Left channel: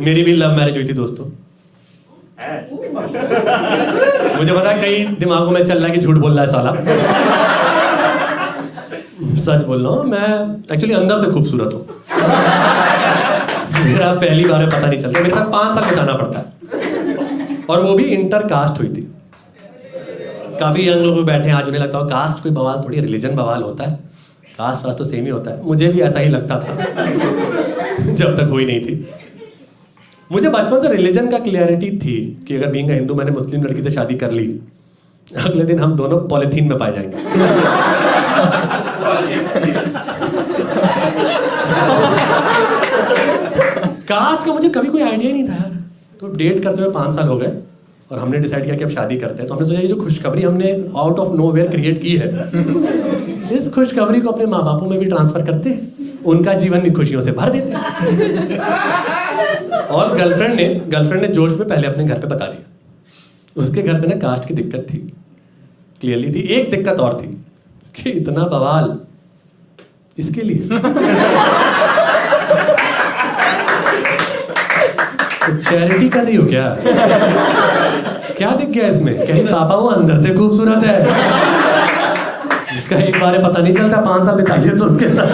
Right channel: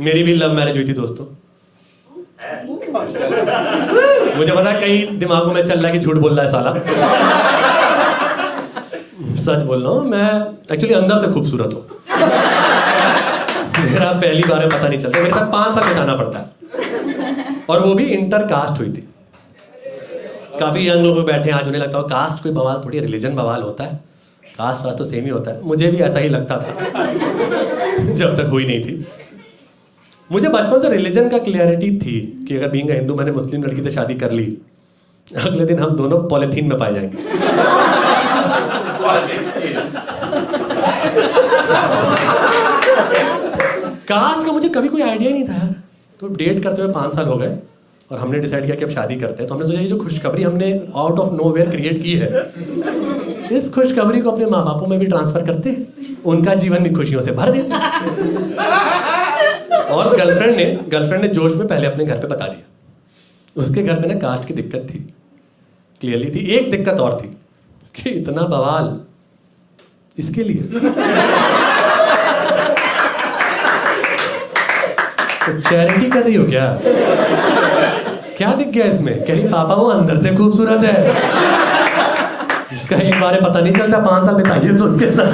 मेरी भी love marriage हुई थी दोस्तों। मुझे पता है कई दिमागों में चल रहा है कि झूठ बोल रहा है साला। सच बोल रहा हूँ, मैं एक्चुअली अंदर से खूबसूरत हूँ। मेरा पहली बार में पता नहीं चलता, मेरे साथ 5 साल बिताना पड़ता है। और वो भी इंटर कास्ट हुई थी। काफ़ी यंग लोग बैठे हैं आज, उन्हें लगता हो कास्ट कोई बवाल थोड़ी, रिलीजन बवाल होता है, कास्ट वास्ट तो सेम ही होता है। मुझे भी ऐसा ही लगता था जब तक हुई नहीं थी। मुझे बचपन से रिलीजन का क्लियरिटी थी कि अगर बीइंग हिंदू मैंने मुस्लिम लड़की से शादी कर ली, अगले दिन हम दोनों पॉलिथीन में पाए जाएंगे। कास्ट का मुझे कभी कोई आइडिया ही नहीं था यार। तो डेट करते हुए 5 साल हो गए और हमने डिसाइड किया कि अब शादी करते हैं। तो हमने सोचा ये जो खुशखबरी हमने आउट ऑफ नोवेयर क्रिएट की है, इस खुशखबरी को अपने माँ बापों में भी ट्रांसफर करते हैं, उनका जीवन भी खुशियों से भर देते हैं। और गर्लफ्रेंड ने जोश में पहले अपने घर पे बता दिया। उसके घर पे ना कास्ट की दिक्कत थी, क्लियरली थी। एक दिक्कत और थी कि इतना बवाल इसके लिए। तो चैरिटी कर रही हो क्या? क्या दिख गया इसमें? कह रही पापा वो अंदर से खूबसूरत है, जिसका एक बार पता नहीं चलता, 5 साल बिताइए तो उसके साथ।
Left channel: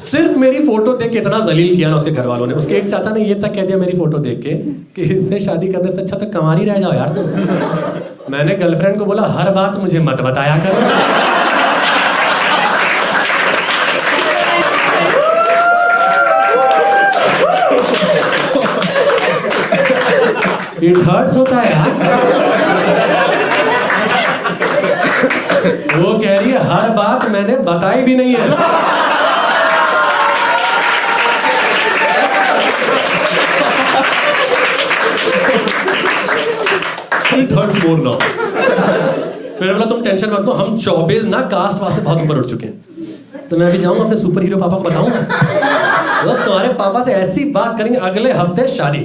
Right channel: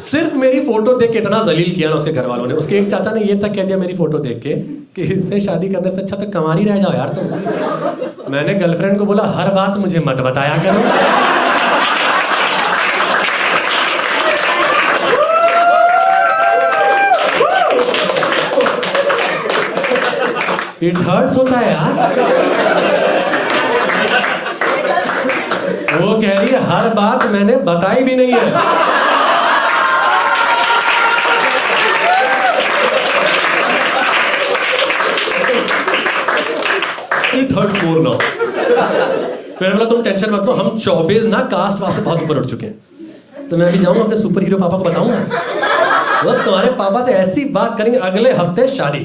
सिर्फ मेरी फोटो देख के इतना जलील किया ना उसके घर वालों ने। उसके एक चाचा ने ये तक कह दिया मेरी फोटो देख के कि इससे शादी करने से अच्छा तो कंवारी रह जाओ यार तुम। मैंने गर्लफ्रेंड को बोला हर बात मुझे मत बताया करो। इट हर्ट्स होता है यार। वो कह रही है हर बात मैंने बताई भी नहीं है। It hurts more now. मैंने बोला तुम टेंशन मत लो, हम 24 ना कास्ट वास्ते बहुत ऊपर उठ चुके हैं। तो मैं अभी जाऊंगा अपने सुपर हीरो पापा को बताऊंगा, वो तुम्हारे पापा से ऐसी बात करेंगे, अगले हफ्ते शादी।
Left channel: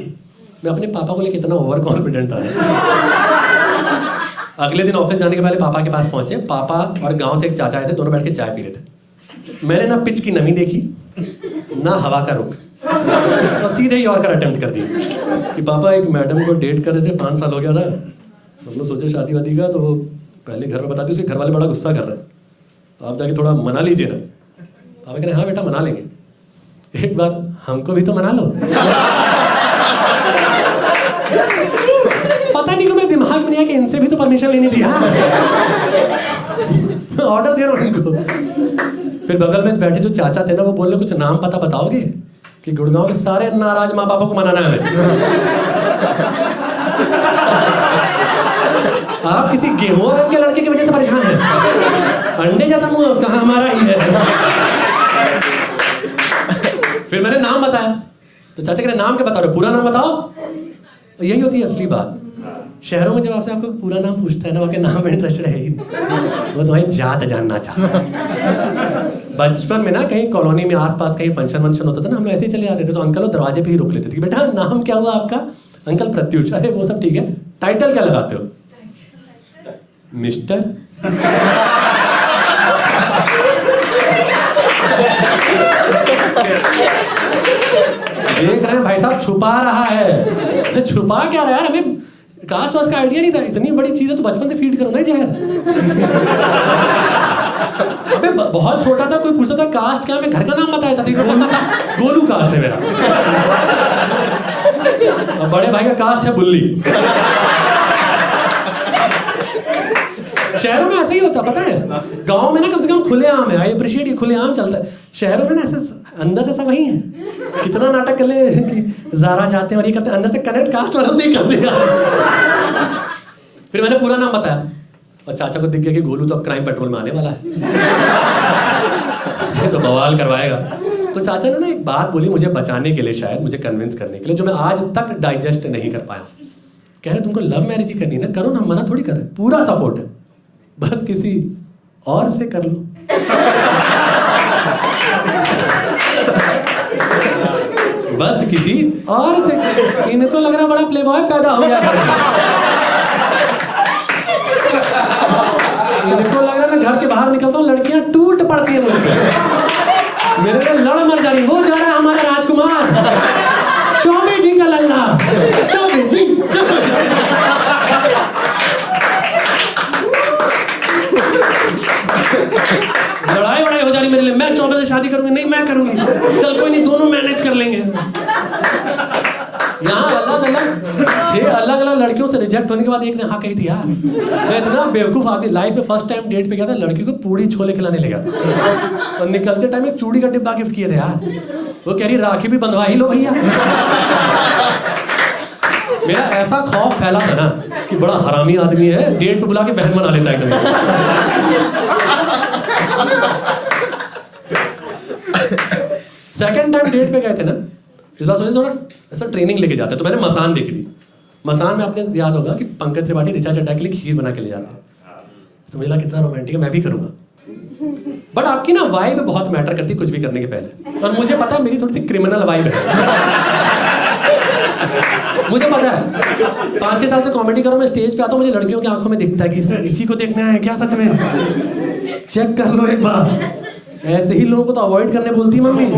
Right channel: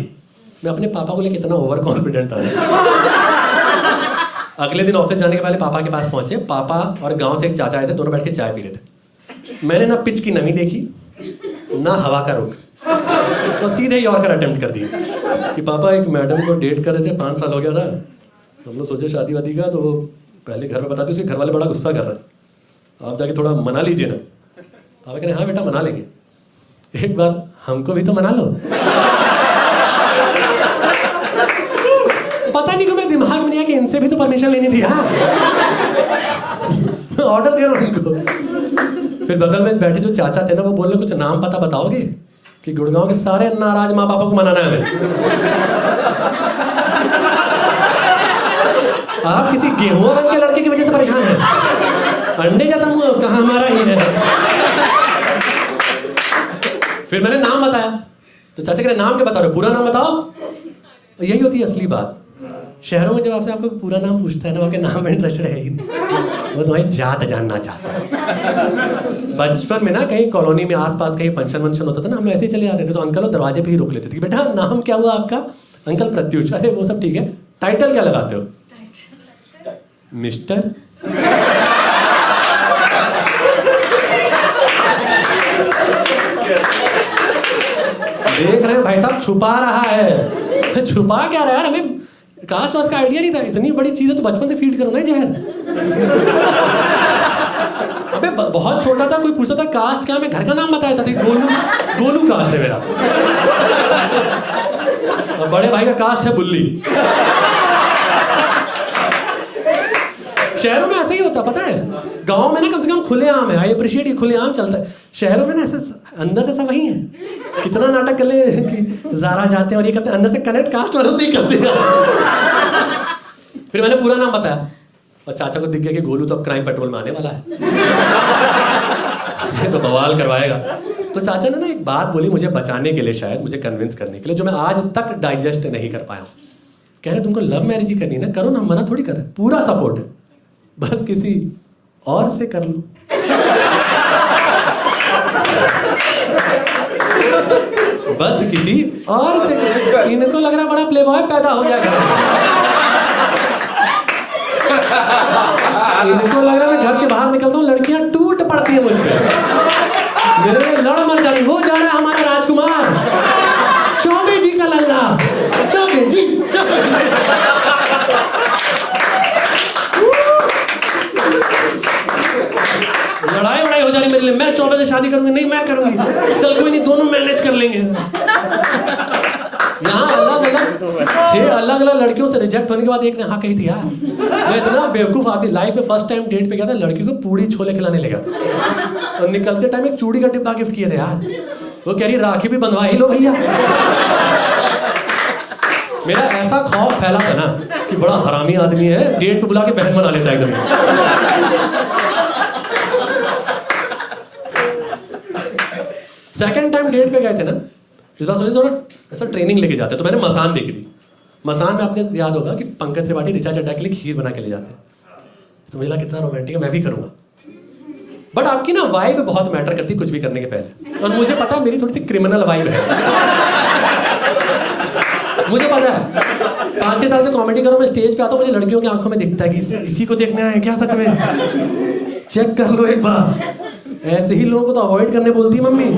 मैं अपने पापा को लेकर इतना ओवर कॉन्फिडेंट था। अगले दिन ऑफिस जाने के पहले पापा के पास पहुंचे। पापा और गांव से एक चाचा आए थे, दोनों बैठ के चाय पी रहे थे। मैंने ना पिच की नमी देखी ना हवा का रुख, और सीधे यॉर्कर अटेम्प्ट कर दिया कि पापा एक मैडम को डेट कर रहे थे, 5 साल हो गया था, हम लोग सोचे शादी वादी का, तो वो पहले घर में बताती, उसके घर वाले बड़ा गुस्सा कर रहे हैं, आप जाके थोड़ा मना लीजिए ना। पापा कह रहे हाँ बेटा मना लेंगे, एक बार हमको भी तो मना लो। पता नहीं क्यों मेरे दिमाग में नहीं आया कि इनसे भी तो परमिशन लेनी थी। हाँ ऑर्डर दे रहा हूँ इनको। फिर बगल में बैठे जो चाचा थे ना, वो बोलने कुछ नाम पता बताओगे कि गुड़गांव के सारे नाराज माँ बापों को मनाना है हमें। आप किसी गेहूं रंग के लड़के की वजह से परेशान हैं? अंडे जैसा मुंह है उसका, हमारा ही है। फिर मैंने नाम बताया तो चाचा कह रहे नाम क्या बता रहे हो, पूरा नाम बताओ। यही होती है असली बात। शहरों में जब आपसे आपको पूरा नाम पूछता है ना, आपके नाम में इंटरेस्टेड है ही नहीं, वो तुम्हारी जात जानना चाहता है। बचपन में ना कहीं कॉलोनी में आसपास कहीं फंक्शन वंक्शन होता था ना, हम लोग ऐसे ही चले जाते थे, तो अंकल वो दरवाजे पे ही रोक लेते थे कि बेटा नाम क्या हुआ आपका? अंकल प्रत्युष। अरे वो सब ठीक है, टाइटल क्या लगाते हो? मिस्टर। देख रहे हैं भाई साहब छुपा रहा है। छुपा क्या रहा है यार, हमें कास्ट वास्ट का आइडिया नहीं था। इतनी बड़ी चीज है तो बचपन से फीड करो ना जहर। अबे बहुत छोटा था, कोई पूछता था कास्ट क्या, मैं घर का नाम बताया था, गोलू कास्ट है मेरा। अब बड़े भाई का कास्ट है बुल्ली। शहरों में ऐसा ही होता पता है, गांव में ना कम से कम खुलेआम है। आई अप्रिशिएट ये खुलेआम चलता है। शहरों में ना ऐसे अंदर से सब वही है। कितना नाटक कर ले कि ज़ारा जाते हैं और ये करते हैं, अंदर से कनेक्ट कास्ट वालों से ही करते हैं। फिर मैंने पूरा नाम बताया और चाचा को दिख गया कि गोलू तो अब क्राइम पेट्रोल में आने वाला है। ये तो बवाल करवाएगा। तो चाचा ने ना एक बात बोली मुझे बचाने के लिए, शायद मुझे कन्विंस करने के लिए, जो मैं आज तक डाइजेस्ट नहीं कर पाया हूँ। कह रहे तुमको लव मैरिज ही करनी है ना, करो ना, मना थोड़ी कर रहे, पूरा सपोर्ट है, बस किसी और से कर लो। बस किसी और से। इनको लग रहा बड़ा प्लेबॉय पैदा हो गया घर में। इनको लग रहा है मैं घर के बाहर निकलता हूँ लड़कियां टूट पड़ती है मुझ पे। मेरे लिए लड़ मर जा रही, वो जा रहा है हमारा राजकुमार, चौबे जी का लल्ला, चौबे जी। लड़ाई वड़ाई हो जा रही मेरे लिए, मैं चौबे से शादी करूंगी, नहीं मैं करूंगी, चल कोई नहीं दोनों मैनेज कर लेंगे। यहाँ छह अलग अलग लड़कियों से रिजेक्ट होने के बाद एक ने हाँ कही थी। यार मैं इतना बेवकूफ़ आदमी, लाइफ में फर्स्ट टाइम डेट पे गया था, लड़की को पूड़ी छोले खिलाने ले गया था और निकलते टाइम एक चूड़ी का डिब्बा गिफ्ट किए थे। यार वो कह रही राखी भी बंधवा ही लो भैया। मेरा ऐसा खौफ फैला था ना कि बड़ा हरामी आदमी है, डेट पे बुला के बहन बना लेता है एकदम। सेकेंड टाइम डेट पे गए थे ना, इस बार सोचे थोड़ा ऐसा ट्रेनिंग लेके जाते, तो मैंने मसान देखी थी। मसान में आपने याद होगा कि पंकज त्रिपाठी ऋचा चड्ढा के लिए खीर बना के ले जाते हैं, तो मुझे लगा कितना रोमांटिक है, मैं भी करूँगा। बट आपकी ना वाइब बहुत मैटर करती है कुछ भी करने के पहले, और मुझे पता है मेरी थोड़ी सी क्रिमिनल वाइब है। मुझे पता है 5-6 साल से कॉमेडी करो, मैं स्टेज पे आता हूँ, मुझे लड़कियों की आंखों में दिखता है कि इसी को देखने आए हैं क्या सच में, चेक कर लो एक बार। ऐसे ही लोगों को तो अवॉइड करने बोलती है मम्मी।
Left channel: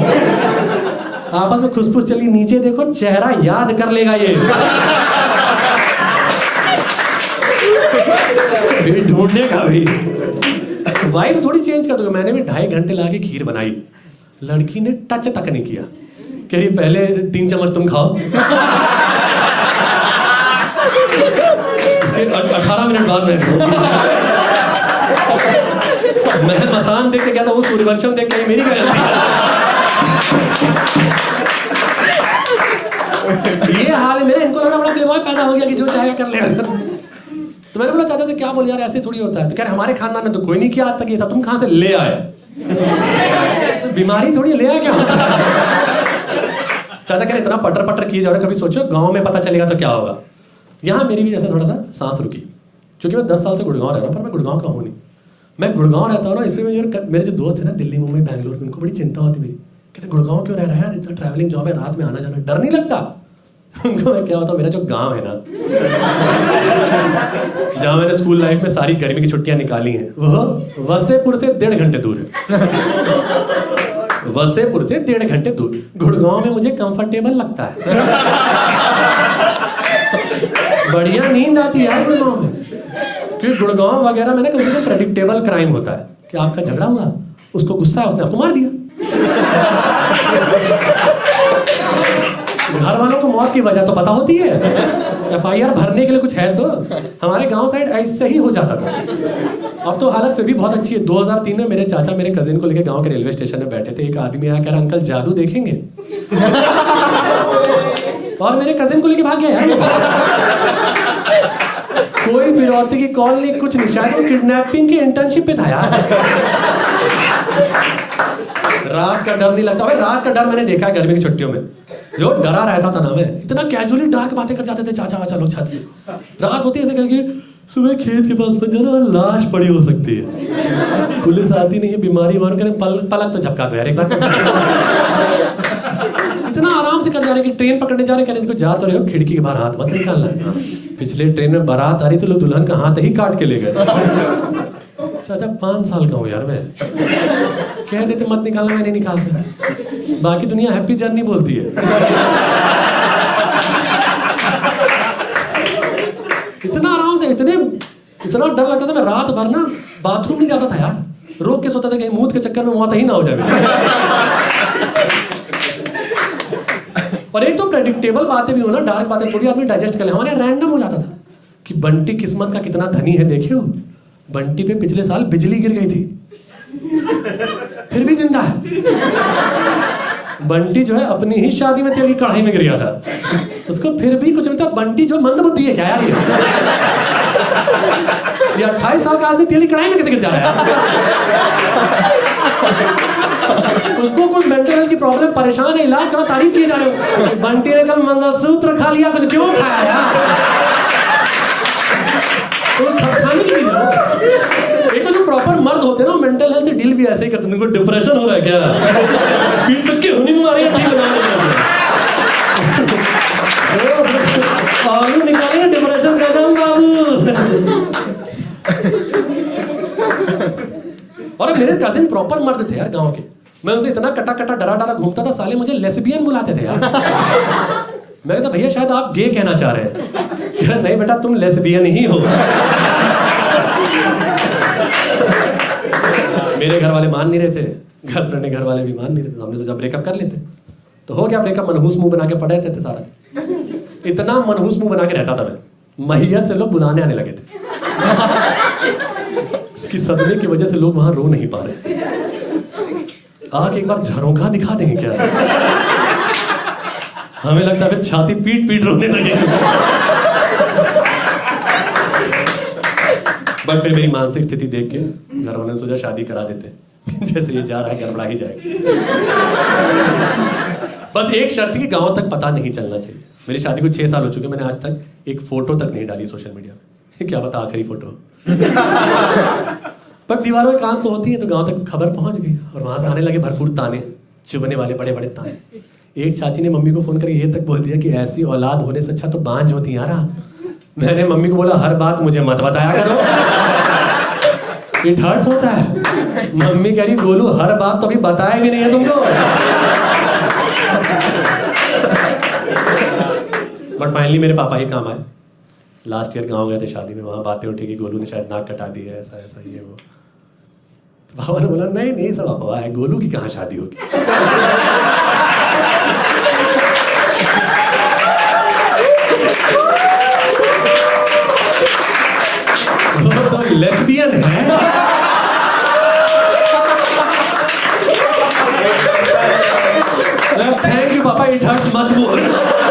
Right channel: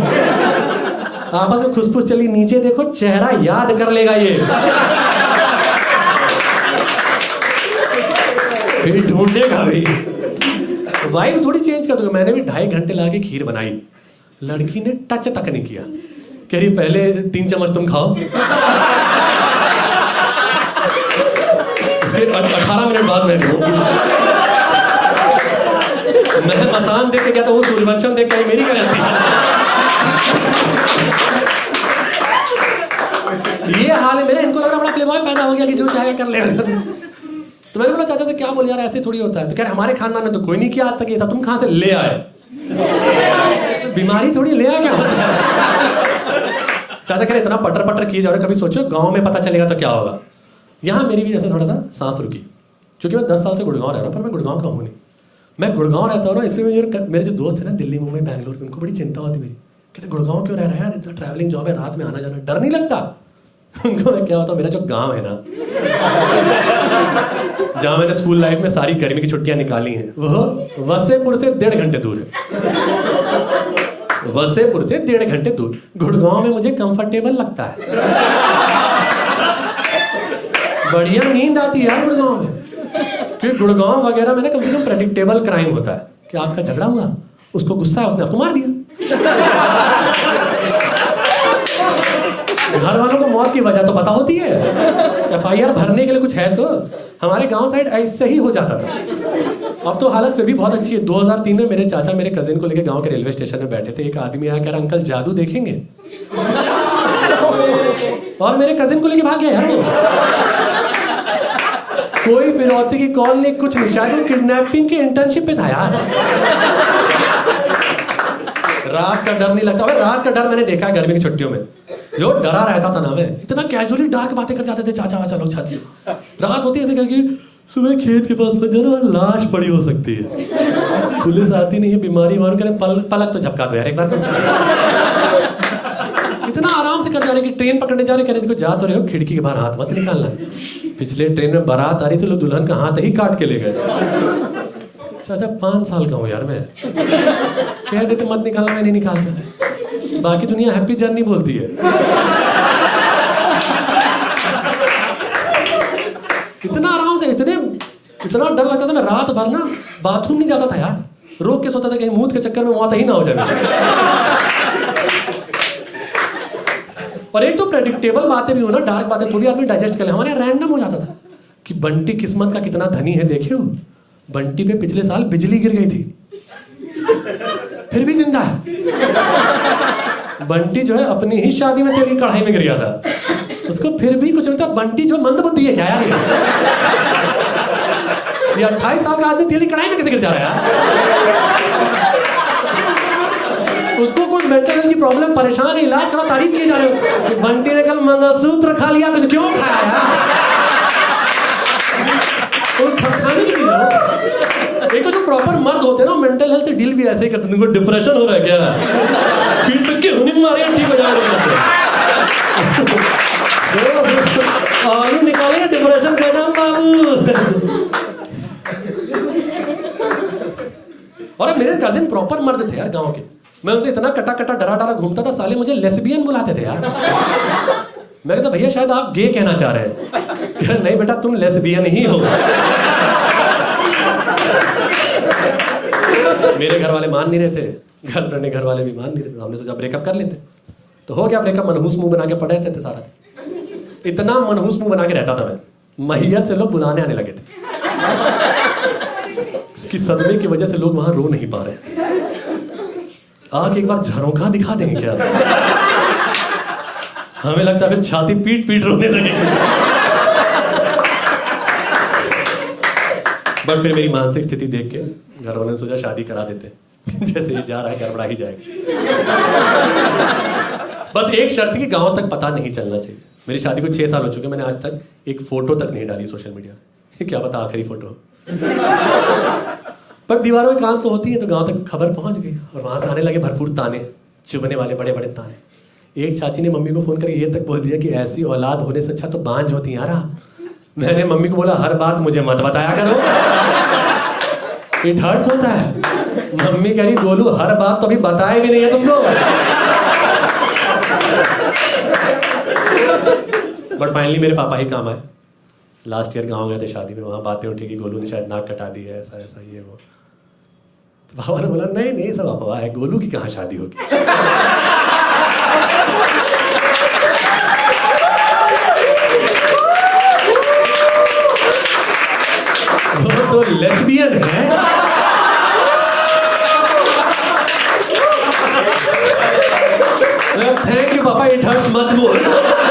आपस में खुसफुस चली, नीचे देखो चेहरा याद कर लेगा ये, फिर ढूंढेगा भाई। वाइब थोड़ी चेंज कर दोगे। मैंने भी 2.5 घंटे लाके खीर बनाई, लड़की ने टच तक नहीं किया, कह रही पहले 3 चम्मच तुम खाओ, इसके 18 मिनट बाद मैं खाऊंगी। मैं मसान देख के गया था, वो सूर्यवंशम देख के आई, मेरी क्या गलती है। ये हाल है मेरा, इनको लग रहा बड़ा प्लेबॉय पैदा हो गया कि जो चाहेगा कर लेगा। तो मैंने बोला चाचा से क्या बोल यार, ऐसे थोड़ी होता है। तो कह रहे हमारे खानदान में तो कोई नहीं किया आज तक ये सब, तुम कहाँ से ले आए। तो बीमारी थोड़ी ले आया क्या होता है। चाचा कह रहे इतना पटर पटर किए जा रहे, कभी सोचो गाँव में पता चलेगा तो क्या होगा। यहाँ मेरी भी जैसे थोड़ा सा सांस रुकी, क्योंकि मैं 10 साल से गुड़गांव रह रहा हूँ, पर मैं गुड़गांव का हूँ नहीं। मैं गुड़गांव रहता हूँ ना, इसमें मेरे जो दोस्त है ना दिल्ली मुंबई बैंगलोर के, उनको बड़ी चिंता होती मेरी, कहते गुड़गांव क्यों रह रहा है यार, इतना ट्रैवलिंग जॉब है, रात में आना जाना, डर नहीं लगता। उनको मैं क्या बताऊँ, मेरा जो गांव है ना, जहाँ मैंने स्कूल लाइफ में सारी गर्मी की छुट्टियां निकाली हैं, वो वसेपुर से 1.5 घंटे दूर है। वसेपुर से 1.5 घंटे दूर। गुड़गांव में मुझे कंफर्टेबल लगता है, बढ़िया नींद आती है यार गुड़गांव में, क्योंकि गुड़गांव वगैरह में ना कम से कम प्रेडिक्टेबल क्राइम होता है कि आपका झगड़ा हुआ, उसको गुस्सा है, उसने आपको मार दिया। घर वालों को मौत की वजह तो पता होती है, FIR भरने के लिए कुछ है तो। हमारे गांव साइड ऐसे ही हो जाता था। अब तो हालत फिर भी बहुत अच्छी है। 2003 में मेरे चाचा मेरे कजिन को लेकर गांव के रेलवे स्टेशन में बैठे थे, एक आदमी आया कह रहा अंकल जादू देखेंगे, और मेरे कजिन को लेके भाग गया यार वो। कोई फिरौती की कॉल नहीं, कुछ नहीं, शायद वो किडनैपिंग की इंटर्नशिप पे था यार। रात का डर नहीं लगता। अबे रात का डर मैंने देखा है गर्मी की छुट्टियों में, जो डरा रहता था ना मैं, इतना कैजुअली डार्क बातें कर जाते थे चाचा वाचा लोग छत पे। रात होती है ऐसे करके, सुबह खेत के पास में जाना, लाश पड़ी हो सकती है, पुलिस आती नहीं है, बीमारी मान करें, पलक तो झपका दो यार एक बार। इतना आराम से कर जा रहे कि ट्रेन पकड़ने जा रहे, कह रहे देखो जा तो रहे हो, खिड़की के बाहर हाथ मत निकालना। पिछले ट्रेन में बारात आ रही थी, लोग दुल्हन का हाथ ही काट के ले गए। चाचा 5 साल का हूँ यार मैं, कह देते मत निकालना, मैं नहीं निकालता। बाकी दुनिया हैप्पी जर्नी बोलती है। इतना आराम से, इतना डर लगता था, मैं रात भर ना बाथरूम नहीं जाता था यार, रोक के सोता था कहीं मूत के चक्कर में मौत ही ना हो जाए। और एक तो प्रेडिक्टेबल बातें भी हो ना, डार्क बातें, तो भी आदमी डाइजेस्ट कर ले। हमारे यहाँ रैंडम हो जाता था कि बंटी किस्मत का कितना धनी है, देखे हो बंटी पे पिछले साल बिजली गिर गई थी, फिर भी जिंदा है। बंटी जो है अपनी ही शादी में तेल की कढ़ाई में गिर गया था, उसको फिर भी कुछ नहीं था। बंटी जो मंद बुद्धि है क्या यार, ये 28 साल का आदमी तेल की कढ़ाई में कैसे गिर जा रहा है यार? उसको कोई मेंटल हेल्थ की प्रॉब्लम, परेशान है, इलाज करो, तारीफ किए जा रहे हो। बंटी ने कल मंगलसूत्र खा लिया, कुछ क्यों खाया यार? तो खाने की चीज है। एक तो जो प्रॉपर मर्द होते हैं ना, मेंटल हेल्थ से डील भी ऐसे ही करते हैं। तुमको डिप्रेशन हो रहा है क्या, पीठ पे क्यों नहीं मारेगा, ठीक हो जाएगा। आलू निकालेंगे डिप्रेशन का दम बाबू। और मेरे कजिन प्रॉपर मर्द थे यार गांव के, मैं उनसे इतना कटा कटा डरा डरा घूमता था, साले मुझे लेस्बियन बुलाते थे यार। मैं कहता भैया शायद आप गे कहना चाह रहे हैं। कह रहे नहीं बेटा तुम लेस्बियन ही हो। मेरे घर वाले मान नहीं रहे थे, गर्लफ्रेंड के घर वाले भी मान नहीं रहे थे, हमने सोचा ब्रेकअप कर लेते। तो हो गया ब्रेकअप, मनहूस मुंह बना के पड़े रहते थे सारा दिन। इतना मनहूस मुंह बना के रहता था मैं, मैयत से लोग बुलाने आने लगे थे। इसकी सदमे की वजह से लोग वहां रो नहीं पा रहे। आके एक बार झरोखा दिखा देंगे क्या? हमें लगता है फिर छाती पीट पीट रोने लगेंगे। बट फिर मेरी मानसिक स्थिति देख के घर वालों ने सोचा शादी करा देते। जैसे ये जा रहा है गड़बड़ा ही जाएगा। बस एक शर्त कि गांव तक पता नहीं चलना चाहिए। मेरी शादी को 6 साल हो चुके, मैंने आज तक एक फोटो तक नहीं डाली सोशल मीडिया पे। क्या पता आखिरी फोटो। पर दीवारों में कान तो होती है, तो गांव तक खबर पहुंच गई और वहां से आने लगे भरपूर ताने, चुभने वाले बड़े बड़े ताने। एक चाची ने मम्मी को फोन करके ये तक बोल दिया कि ऐसी औलाद होने से अच्छा तो बांझ होती यार आप। मैंने मम्मी को बोला हर बात मुझे मत बताया करो, इट हर्ट्स होता है। मम्मी कह रही गोलू हर बात तो अभी बताया भी नहीं है तुमको। बट फाइनली मेरे पापा ही काम आए। लास्ट ईयर गांव गए थे शादी में, वहां बातें उठी कि गोलू ने शायद नाक कटा दी है, ऐसा ऐसा ये वो। तो पापा ने बोला नहीं नहीं सब अफवाह है, गोलू की कहाँ शादी होगी। वो तो लेस्बियन है। थैंक यू पापा, इट हर्ट्स मच मोर।